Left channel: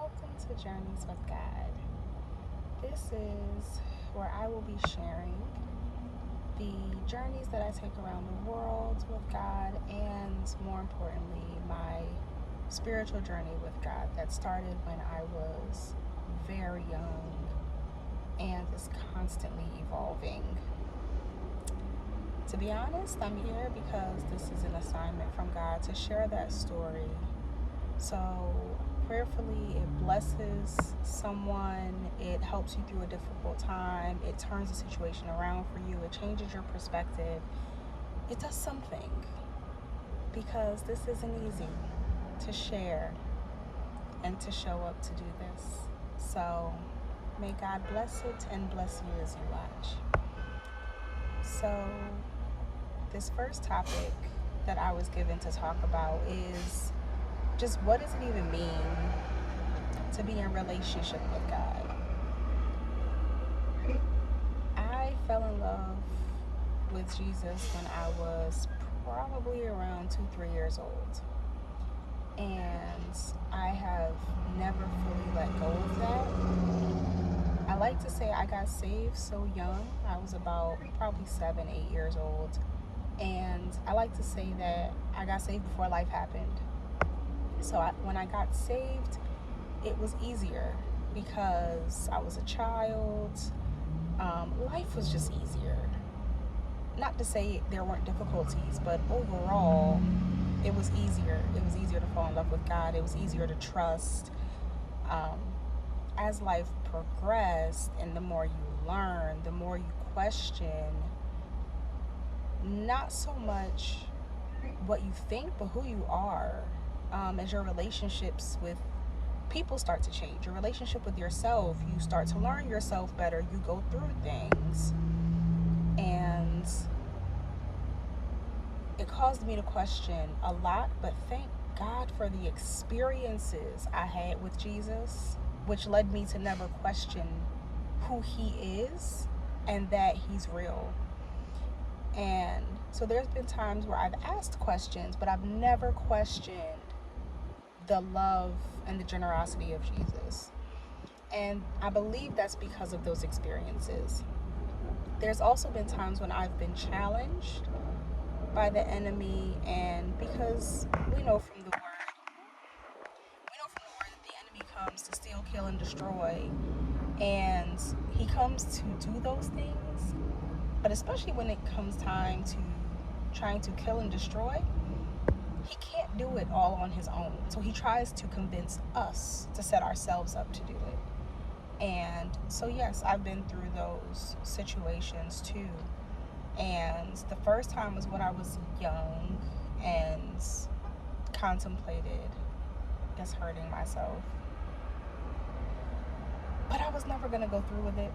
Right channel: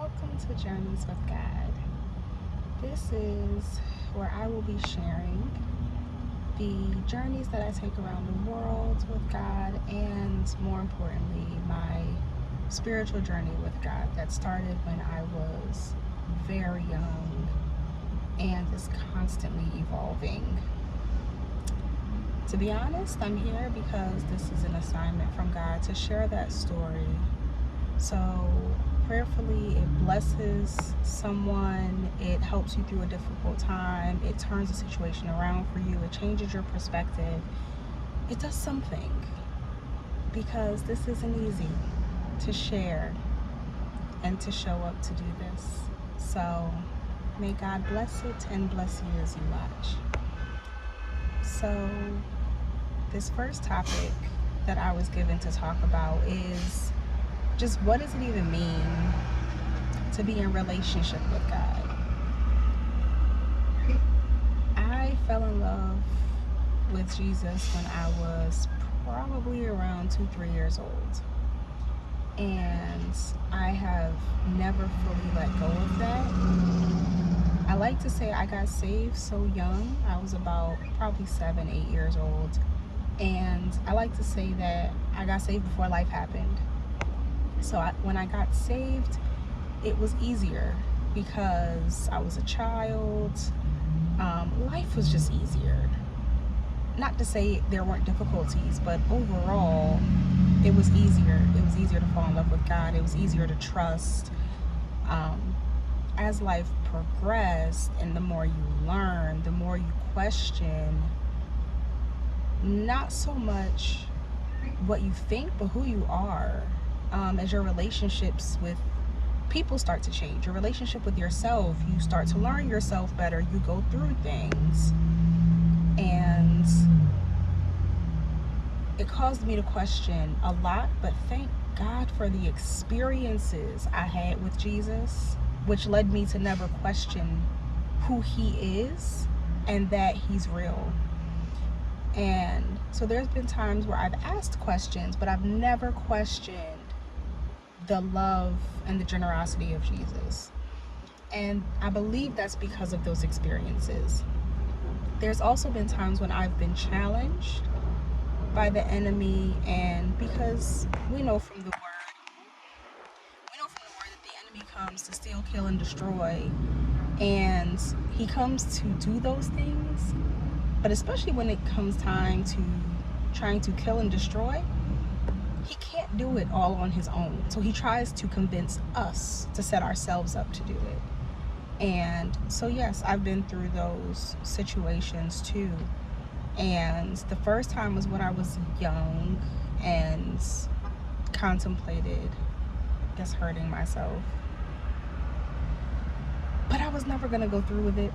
Welcome to Journeys with God. This is where I will be sharing the journeys that I take around the world with God, and more importantly, my spiritual journey with God that started when I was very young and is constantly evolving. To be honest, I'm here because this is an assignment from God to share that story. So, prayerfully, it blesses someone, it helps you through a difficult time, it turns the situation around for you, it changes your perspective, it does something, because this isn't easy to share and to show up to do this. So, may God bless it and bless you as you watch. So, this first topic that I was given to talk about is just what does it even mean to be in relationship with God? I fell in love with Jesus when I was probably around 3 years old. And I have never fully let go of that. I like to say I got saved so young. I was about probably 7, 8 years old. And I like to say that I got saved before life happened. So when I got saved, it was easier because I was a child. Life was just easier. Not to say there weren't difficulties, but overall, it was easier. It was easier to fall in love with God. It was easier to trust. Um, as life progressed, and the more you learn, the more you question, not so much what you think, but who you are. As your relationships with people start to change, your relationship with yourself, you start to learn yourself better, you go through things, and it caused me to question a lot. But thank God for the experiences I had with Jesus, which led me to never question who he is and that he's real. And so there's been times where I've asked questions, but I've never questioned the love and the generosity of Jesus. And I believe that's because of those experiences. There's also been times when I've been challenged by the enemy, and because we know from the word that the enemy comes to steal, kill, and destroy, and he comes to do those things. But especially when it comes time to trying to kill and destroy, he can't do it all on his own. So he tries to convince us to set ourselves up to do it. And so, yes, I've been through those situations too. And the first time was when I was young and contemplated, I guess, hurting myself. But I was never going to go through with it,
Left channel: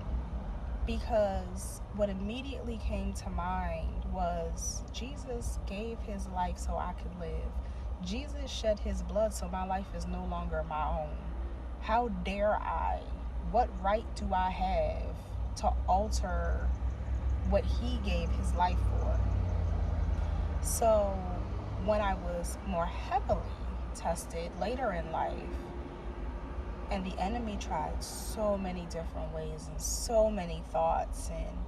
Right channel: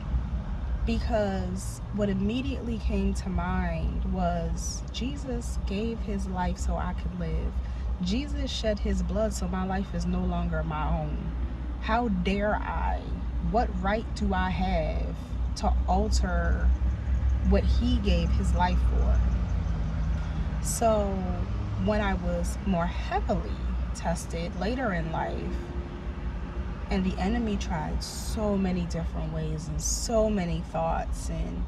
because what immediately came to mind was Jesus gave his life so I could live. Jesus shed his blood so my life is no longer my own. How dare I? What right do I have to alter what he gave his life for? So when I was more heavily tested later in life, and the enemy tried so many different ways and so many thoughts, and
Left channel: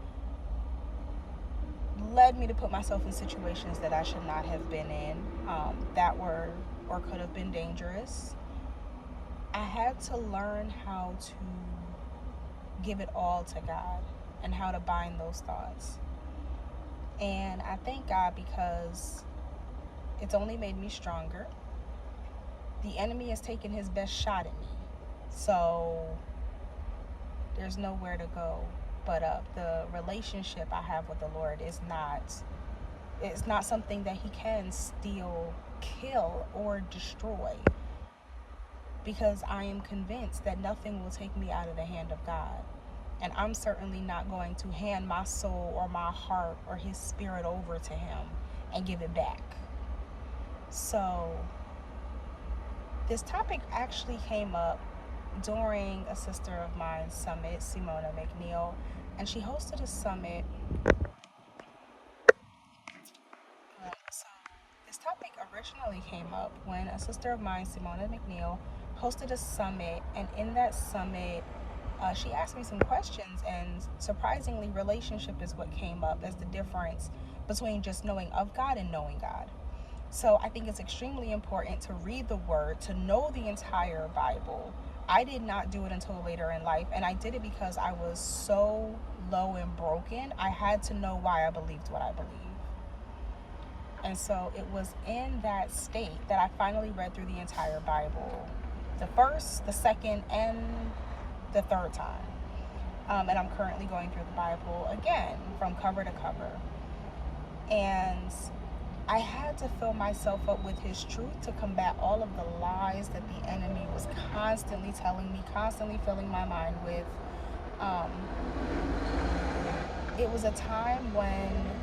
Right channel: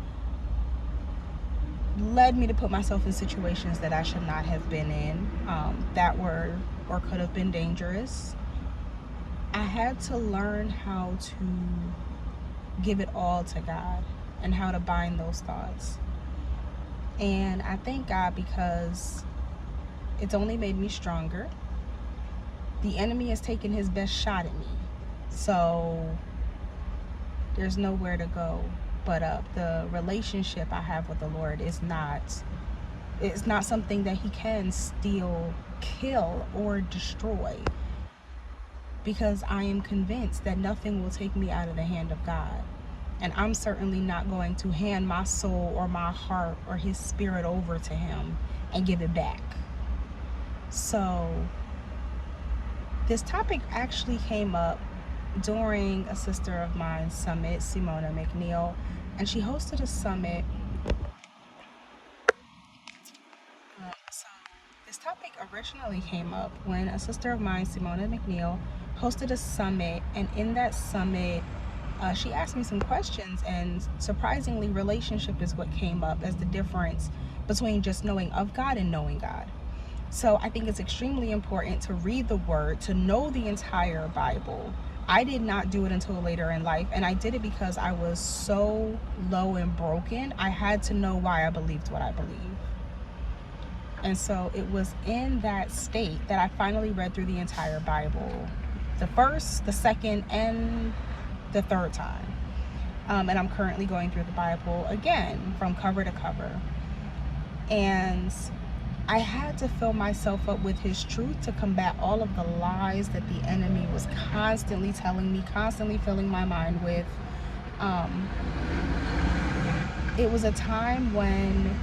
led me to put myself in situations that I should not have been in, that were or could have been dangerous. I had to learn how to give it all to God and how to bind those thoughts. And I thank God because it's only made me stronger. The enemy has taken his best shot at me. So there's nowhere to go but up. The relationship I have with the Lord is not, it's not something that he can steal, kill, or destroy, because I am convinced that nothing will take me out of the hand of God. And I'm certainly not going to hand my soul or my heart or his spirit over to him and give it back. So this topic actually came up during a sister of mine's summit, Simona McNeil, and she hosted a summit. So this topic originally came up when a sister of mine, Simona McNeil, hosted a summit, and in that summit, she asked me some questions, and surprisingly, relationship is what came up as the difference between just knowing of God and knowing God. So I think it's extremely important to read the word, to know the entire Bible. I did not do it until later in life, and I did it because I was so low and broken. I had to know why I believed what I believed. And so it was in that state that I finally read through the entire Bible, the first, the second, and the third time. And I'm currently going through the Bible again from cover to cover. And I had to fill myself up with his truth to combat all of the lies that the enemy was constantly telling me, constantly filling my mind with. It was a time when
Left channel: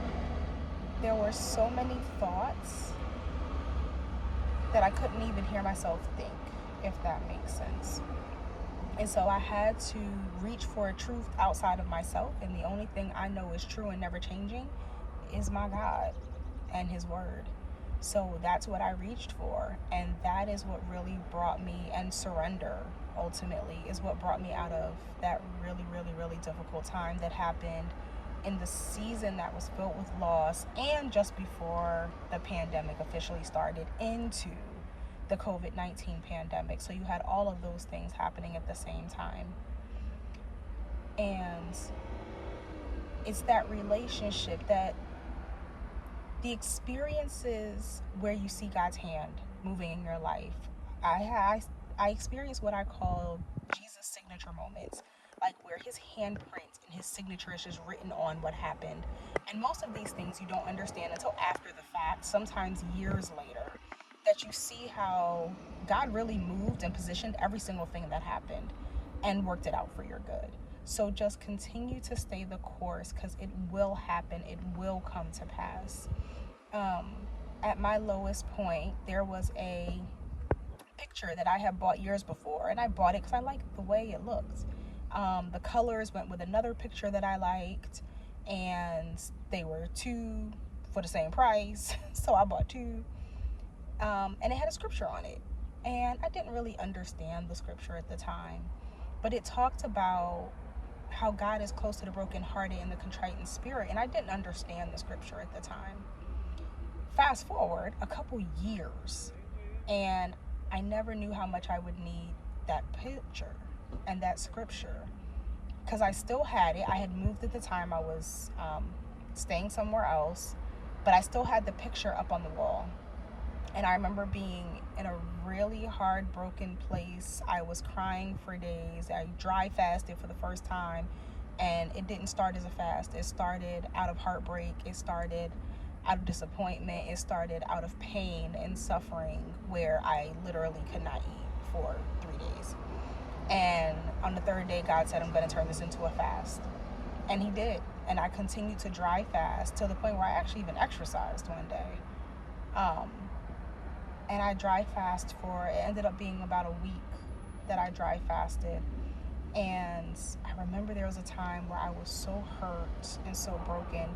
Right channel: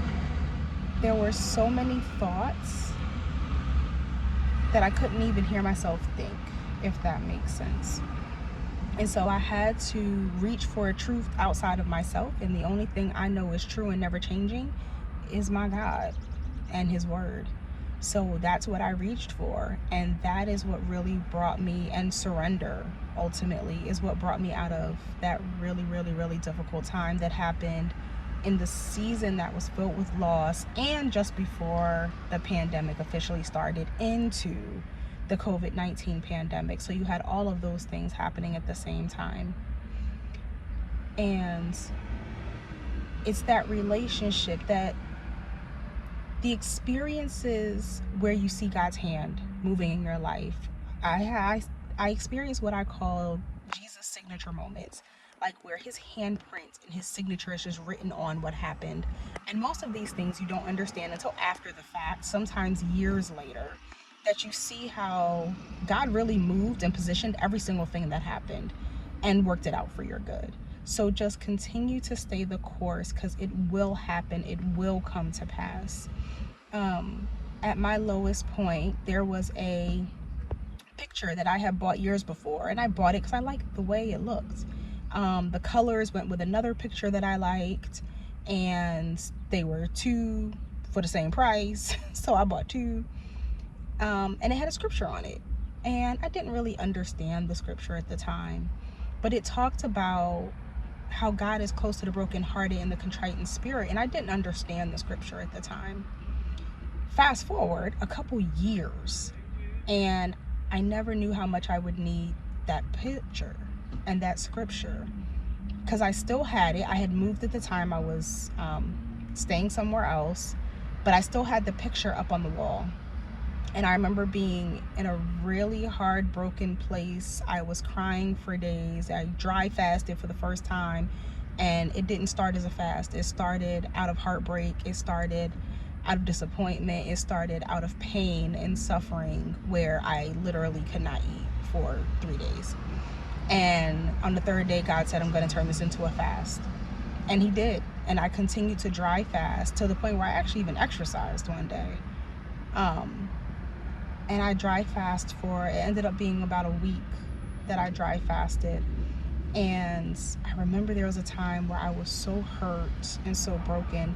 there were so many thoughts that I couldn't even hear myself think, if that makes sense. And so I had to reach for a truth outside of myself, and the only thing I know is true and never changing is my God and his word. So that's what I reached for, and that is what really brought me, and surrender ultimately is what brought me out of that really, really, really difficult time that happened in the season that was filled with loss, and just before the pandemic officially started into the COVID-19 pandemic. So you had all of those things happening at the same time. And it's that relationship, that the experiences where you see God's hand moving in your life. I experienced what I call Jesus signature moments, like where his handprint and his signature is just written on what happened. And most of these things you don't understand until after the fact, sometimes years later, that you see how God really moved and positioned every single thing that happened and worked it out for your good. So just continue to stay the course, because it will happen, it will come to pass. At my lowest point, there was a picture that I had bought years before, and I bought it because I liked the way it looked. The colors went with another picture that I liked, and they were two for the same price, so I bought two. And it had a scripture on it, and I didn't really understand the scripture at the time, but it talked about how God is close to the brokenhearted and the contrite in spirit, and I didn't understand the scripture at the time. Fast forward a couple years, and I never knew how much I would need that picture and that scripture, because I still had it. I had moved at the time. I was staying somewhere else, but I still had the picture up on the wall. And I remember being in a really hard, broken place. I was crying for days. I dry fasted for the first time, and it didn't start as a fast. It started out of heartbreak. It started out of disappointment. It started out of pain and suffering, where I literally could not eat for 3 days. And on the third day, God said, I'm going to turn this into a fast. And he did. And I continued to dry fast to the point where I actually even exercised one day. And I dry fast for, it ended up being about a week that I dry fasted. And I remember there was a time where I was so hurt and so broken.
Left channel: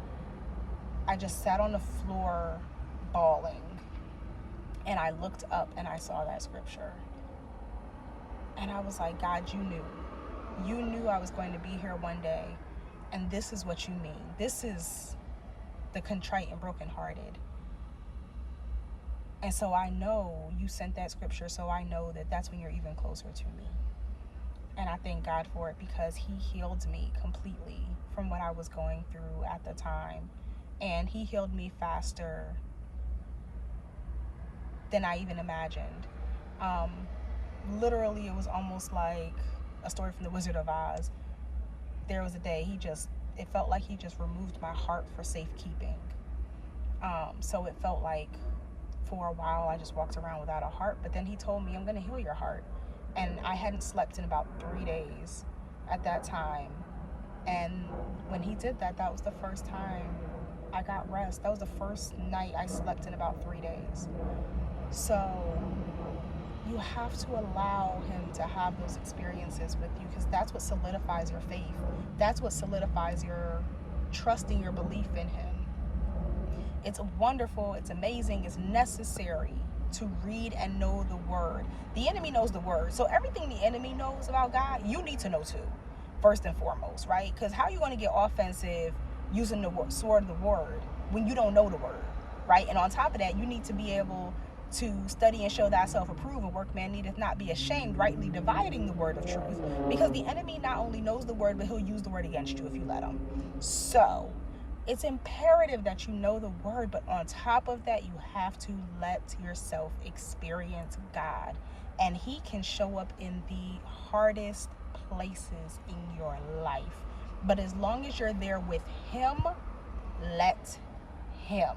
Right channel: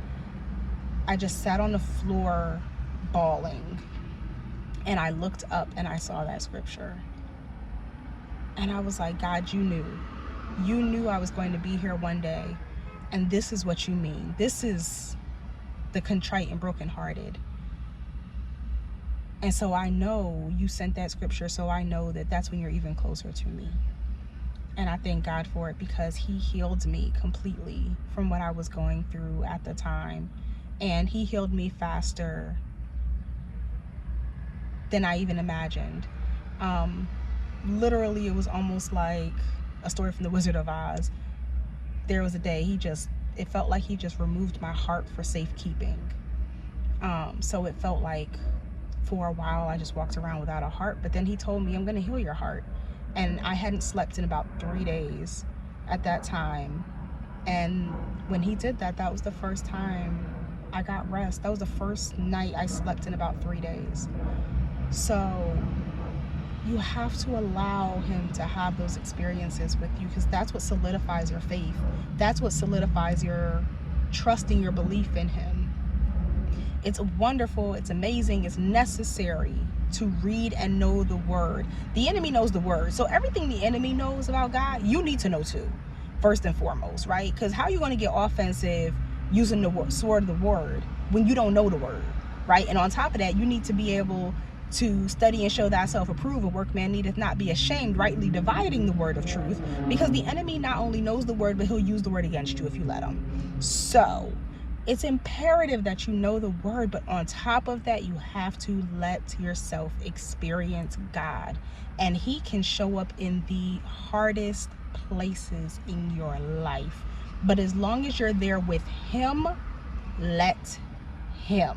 I just sat on the floor bawling, and I looked up and I saw that scripture. And I was like, God, you knew I was going to be here one day, and this is what you mean. This is the contrite and brokenhearted. And so I know you sent that scripture, so I know that that's when you're even closer to me. And I thank God for it, because he healed me completely from what I was going through at the time. And he healed me faster than I even imagined. Literally, it was almost like a story from the Wizard of Oz. There was a day it felt like he just removed my heart for safekeeping. So it felt like for a while I just walked around without a heart, but then he told me, I'm going to heal your heart. And I hadn't slept in about 3 days at that time. And when he did that, that was the first time I got rest. That was the first night I slept in about 3 days. So you have to allow him to have those experiences with you, because that's what solidifies your faith. That's what solidifies your trust in your belief in him. It's wonderful, it's amazing, it's necessary to read and know the word. The enemy knows the word. So everything the enemy knows about God, you need to know too, first and foremost, right? Because how are you going to get offensive using the sword of the word when you don't know the word, right? And on top of that, you need to be able to study and show thyself approved. A workman needeth not be ashamed, rightly dividing the word of truth, because the enemy not only knows the word, but he'll use the word against you if you let him. So it's imperative that you know the word, but on top of that, you have to let yourself experience God, and he can show up in the hardest places in your life. But as long as you're there with him, let him.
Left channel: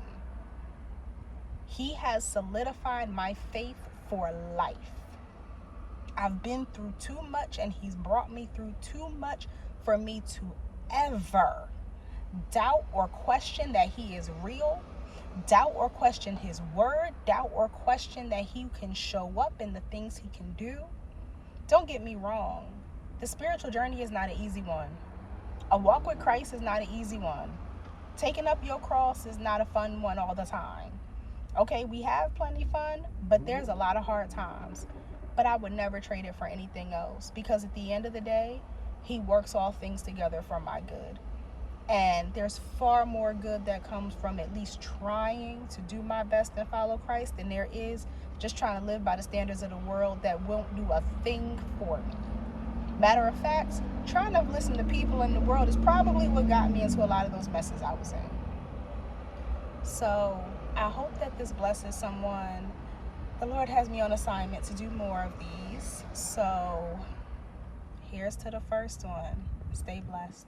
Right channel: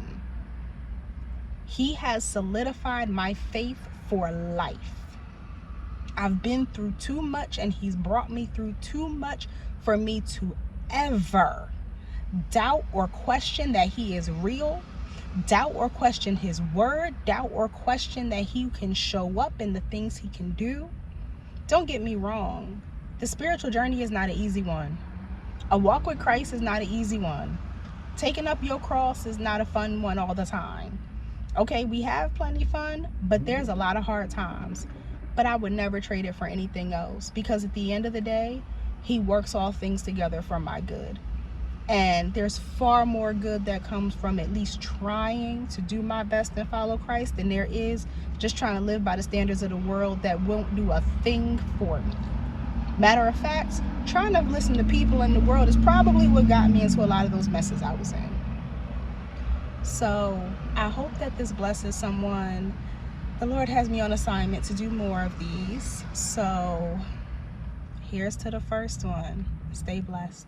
He has solidified my faith for life. I've been through too much, and he's brought me through too much for me to ever doubt or question that he is real, doubt or question his word, doubt or question that he can show up in the things he can do. Don't get me wrong. The spiritual journey is not an easy one. A walk with Christ is not an easy one. Taking up your cross is not a fun one all the time. Okay, we have plenty fun, but there's a lot of hard times. But I would never trade it for anything else, because at the end of the day, he works all things together for my good. And there's far more good that comes from at least trying to do my best and follow Christ than there is just trying to live by the standards of the world that won't do a thing for me. Matter of fact, trying to listen to people in the world is probably what got me into a lot of those messes I was in. So I hope that this blesses someone. The Lord has me on assignment to do more of these. So here's to the first one. Stay blessed.